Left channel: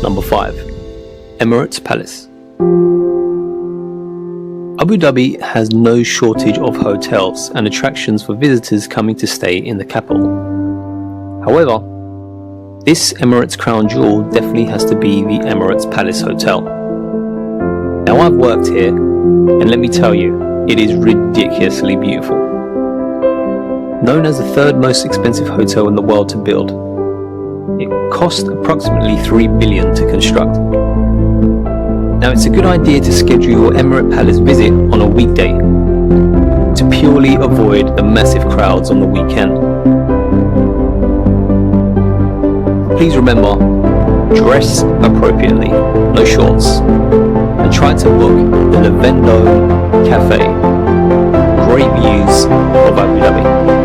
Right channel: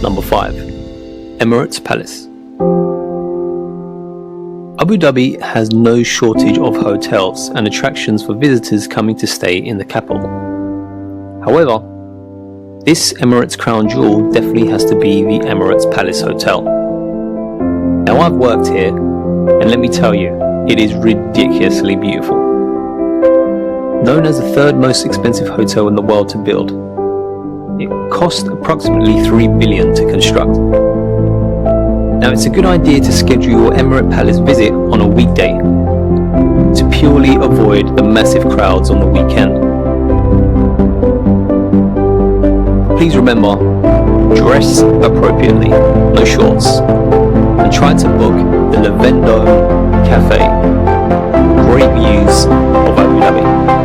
Number 5. Emirates Palace. Abu Dhabi has no shortage of hotels and attractions for visitors coming to stay in the capital. However, this Emirates crown jewel definitely has to be the Emirates Palace Hotel. Now, I've worked here, and let me tell you, it is ridiculously beautiful. Known as the third most expensive hotel in the world to build, it cost approximately 3 billion to construct. Now, it's a good idea to schedule your Emirates Palace visit on a weekday to purely avoid the massive crowds on the weekend. Please remember, dress appropriately, no shorts, and try to book the Lavendo Cafe. Great views of Abu Dhabi.